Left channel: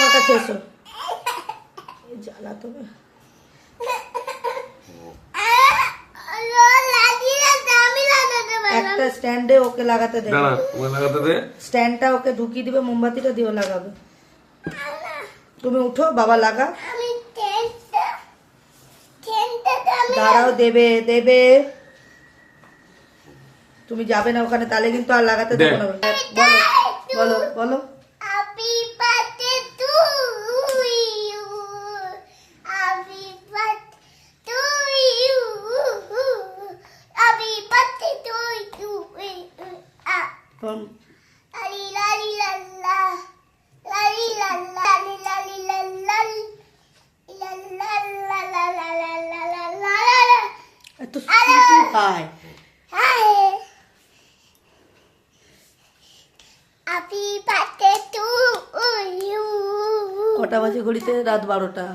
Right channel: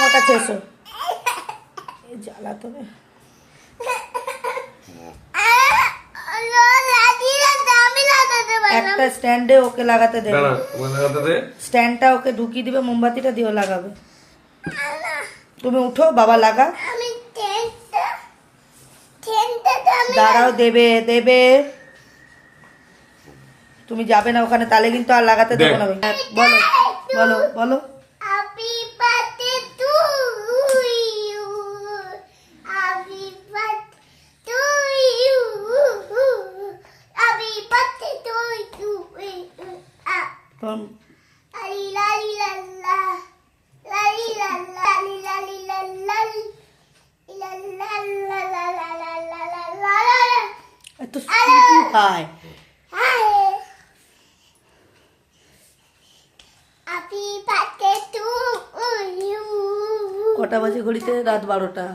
আমার কাছে এসো। জ্বালা তো একটা স্ট্যান্ডে ওকে লাগাতে দেবে, স্ট্যান্ডটা ওকে ঢুকিয়ে দিবে, মোমবাতিটা দিয়েও লাগাবে। তুমি উঠো, বাবা লাগা। দাঁড়াও, দেবে দেবে, তুমি যাবে না ওখানে, তাহলে কিন্তু আর লাগাতে দেবো না। বলো বলো বলো। কটা বাজে ঘড়িতে? রাত 12টা।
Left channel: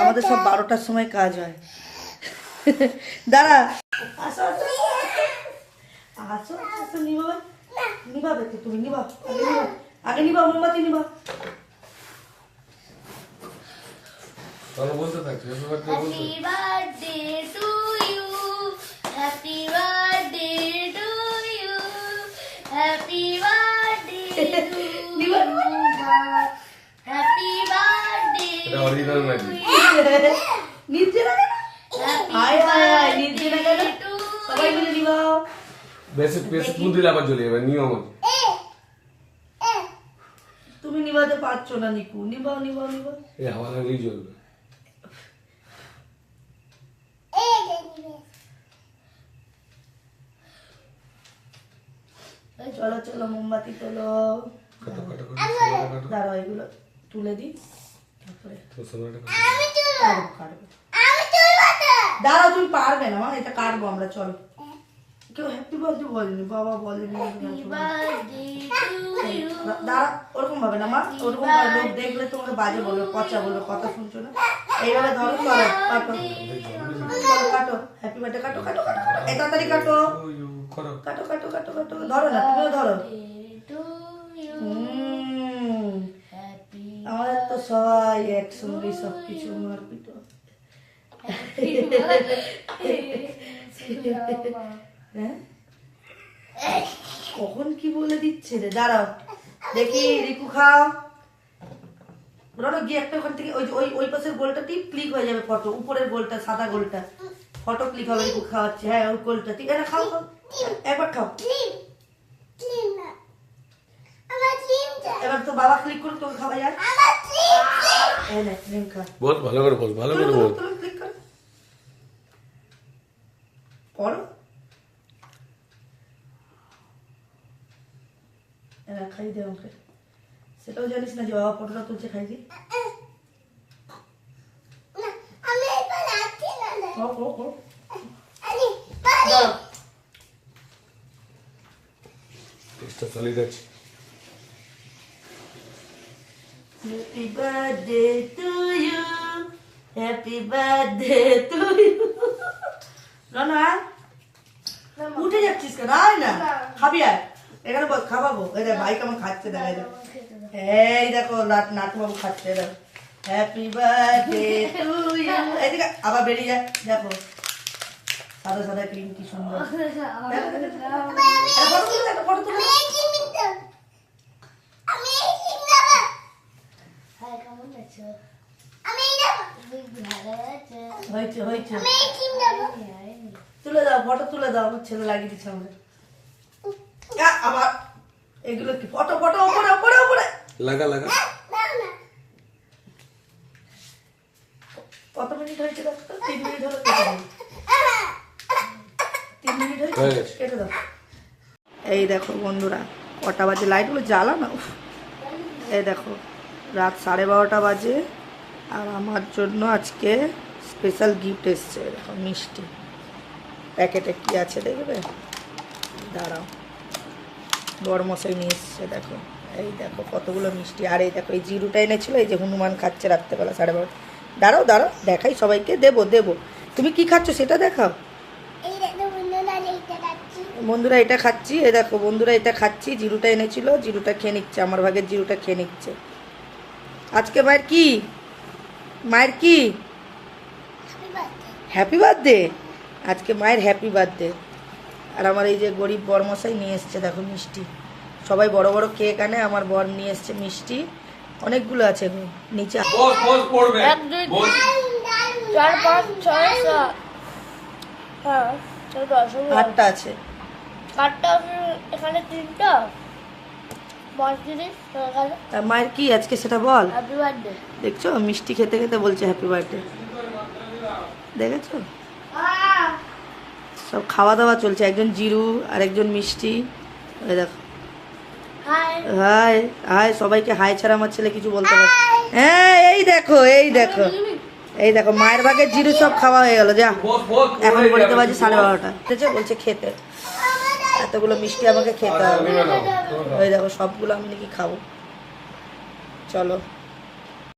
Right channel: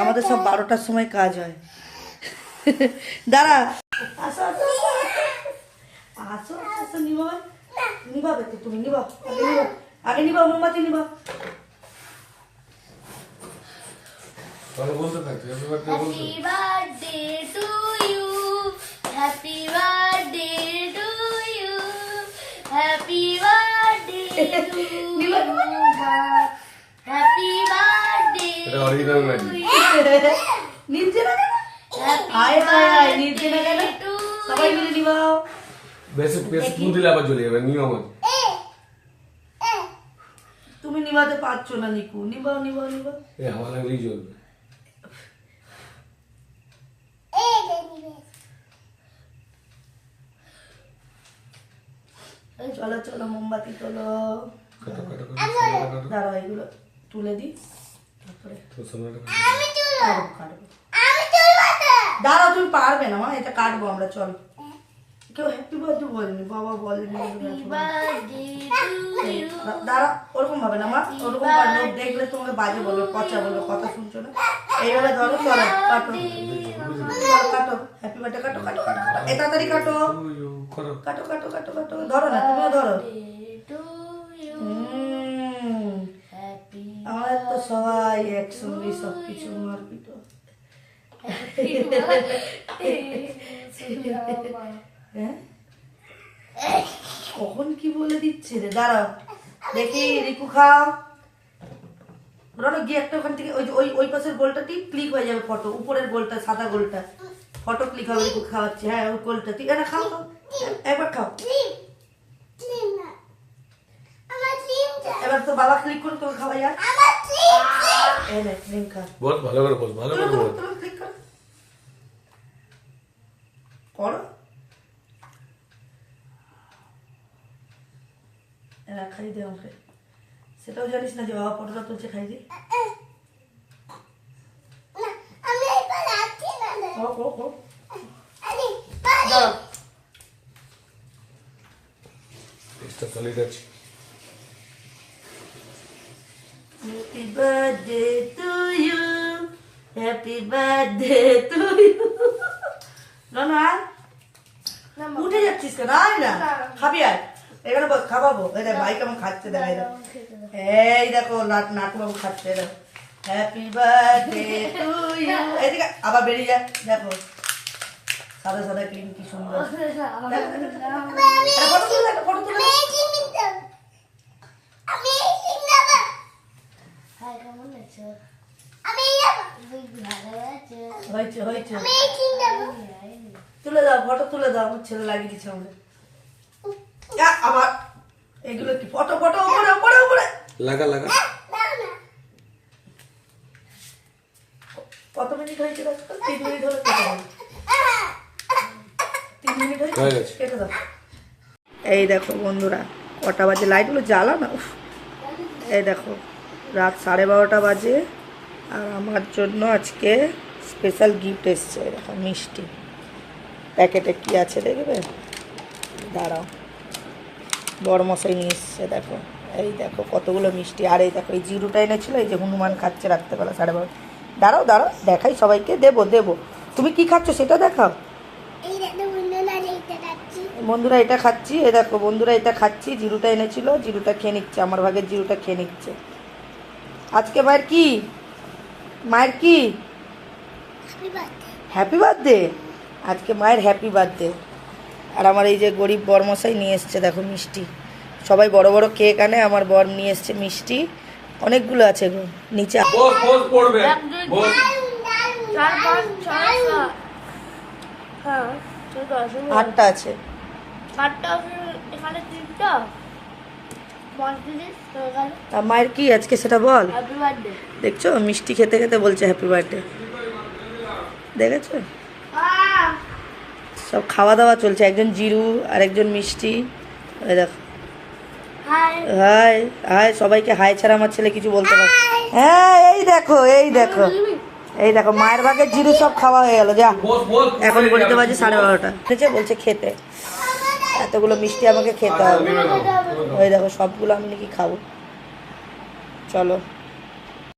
আমাদের সব 12টার সময় কাজ হয়। দাঁড়া, আসো আসো আসো আসো, নিবা নিবাবে তো তুমি, নিবা আগে নিবা, মোমবাতি নিবা। বলতে থাকছি happy birthday to you, happy birthday to you, happy birthday to you, happy birthday. এটা অরিজিনাল নাকি? নিচে না কেন? হায় হায়, নিচে না কেন? সবাই মিলে নিবাও। বেশি বেশি ফুল দিলে আবার চলে যাবে নিয়ম আছে। তুমি নিবাতে পারছো না নিকু, নিবাও নিবাও নিবাও। এই আমার লাগলেই চলবে। চলো চলো, মোমবাতি তোলো। কাটো কাটো কাটো দাঁড়াও, এগুলো তুলে দিই, তারপরে তো সময়টা কাটবো কাটবো। দাঁড়াও, তুমি পারবে না মা, এটা কাটবো আমরা। চল, কেউ হ্যাপি বার্থডে বলেনি, বাবা বলেনি। দাঁড়া, ওরকম ভাবে না মা, ওরকম লোক দেখলে তোমাকে বাজে বলবে, পচা বলবে, কথা শুনছো না। এইভাবে ধরো, চলো কাটো, চলো কাটো, হ্যাপি বার্থডে কাটো কাটো কাটো, এই তাড়াতাড়ি কাটো করো। কাটো কাটো কাটো কাটো। ধরো না, তুমিও ধরো। আমাদের তো সবাই একসঙ্গে সবকিছু মারপিট। কখন কি বলে দিচ্ছে রে? দাঁড়াও দেখি, রিকু খাও। গিয়ে একটা ওখান থেকে ওই ওই পাশের গোলটা টিপ, ক্লিক হয়ে যাবে ফটো, উপরের গোলটা, সাদা গোলটা, ফটো ক্লিক হবে। রিকু খাওয়াচ্ছে, হ্যাঁ ওই গোলটা ঠিক আছে, খাও খাও, একবার খাও। এবার তো বাবা ক্লিক করে তোকে খাওয়া যায়। বল ভালো করে বল, ভালো করে বল। ক্লিক কর, করো। খাই দে ওকে, সেটাও জানিস না যে বাবা ফটোটা তুলছে, খাই দি। চেষ্টা চালিয়ে যাচ্ছি। Happy birthday to you, happy birthday to you. না উঠে যাচ্ছিস কেন? আয় না, খাবি আয় এখানে, খাওয়াবো। এই দেখ ভাই কেমন খাচ্ছে, দেখাই দেখ, এই দেখো নাটু বাবু খাচ্ছে। দেখো হ্যাপি বার্থডে টু ইউ, এইদিকে আবার বেরিয়ে যায়। দেখো সাদা সাদা ক্রিম, কি সুন্দর। ফটো তুলে, একটা ফটো তুলে। হয়েছে হয়েছে, তুলে দাও, ফটো তুলে দাও। আমার ছেলে লাগিয়ে দিচ্ছে আমাদের। আবার এগুলো কি? ফটো ফটো, ওপরে ওপরে ওপরে লাগা লাগা। কত মিনিট হয়েছে? 3 মিনিট হলে কেটে দাও। 3 মিনিট হয়েছে, কেটে দাও। এই দেখো বন্ধুরা, কটা বাজে, লাইটগুলো জ্বালা না। এই দেখো রাত 12:30 বাজে, আর আমার জন্য আজকে স্পেশাল গিফট এসছে। দেখো মিষ্টি, প্যাকেটে কি আছে দেখবে, দাঁড়াও, বড়মশাই নিয়ে এসছে। দেখো এই দেখো কতগুলো মিষ্টি, আর এই দেখো এই জিরুটা এনেছিল, এই যে হনুমান খাচ্ছে রাত্রেবেলা 12:30। দাঁড়াও দাঁড়াও, দেখাই সবাইকে, দেবো দেবো। তুমি কি খাচ্ছ সেটা দেখাও। বন্ধুরা এটা খাচ্ছি, এই দেখো বন্ধুরা এটা খাচ্ছি। জিরুটা এনেছিল, জিরুটা খেয়ে নিচ্ছে, আমার ভাগের জিরুটা খেয়ে নিচ্ছে। আজকে মায়ের কি? মায়ের কি? Happy birthday. আজকে মায়ের হ্যাপি বার্থডে। আর আমার এই যে গরিব বরমশাই নিয়ে এসছে দেখো মিষ্টি। সবাই বড় বড় কেক আনে, আমার বর নিয়ে এসছে মিষ্টি অনেকগুলো আছে গো নিচে। বস বস পড়বে বস। 4 5 6 7 হ্যাঁ 8টা আছে। 8টা এখানে 3টা 5 জিনিস এখানে আর মায়ের কি আজকে সেটা বল। হ্যাপি বার্থডে দেখছো মিষ্টি খেতে খেতে বলছে হ্যাপি বার্থডে। দেখেছো সব খাওয়া দাওয়া চলছে, একজন জিরু আর একজন মিষ্টি। এই দেখো হাই হাই হাই সবাইকে হাই ছাড়া আমার ছেলে কিছু বলতে পারে। হ্যাঁ এই দেখো এই দেখো এই দেখো মায়ের ভাগের জিরু সব খাওয়া হয়ে গেল। যা বস বস। এখন বলতে বাজে 12:30। ঠিক আছে বলছে খেতে, এতগুলো মিষ্টি আমাকে খেতে হবে। ওই দেখো সবগুলো আমি নাকি খাবো। চলো।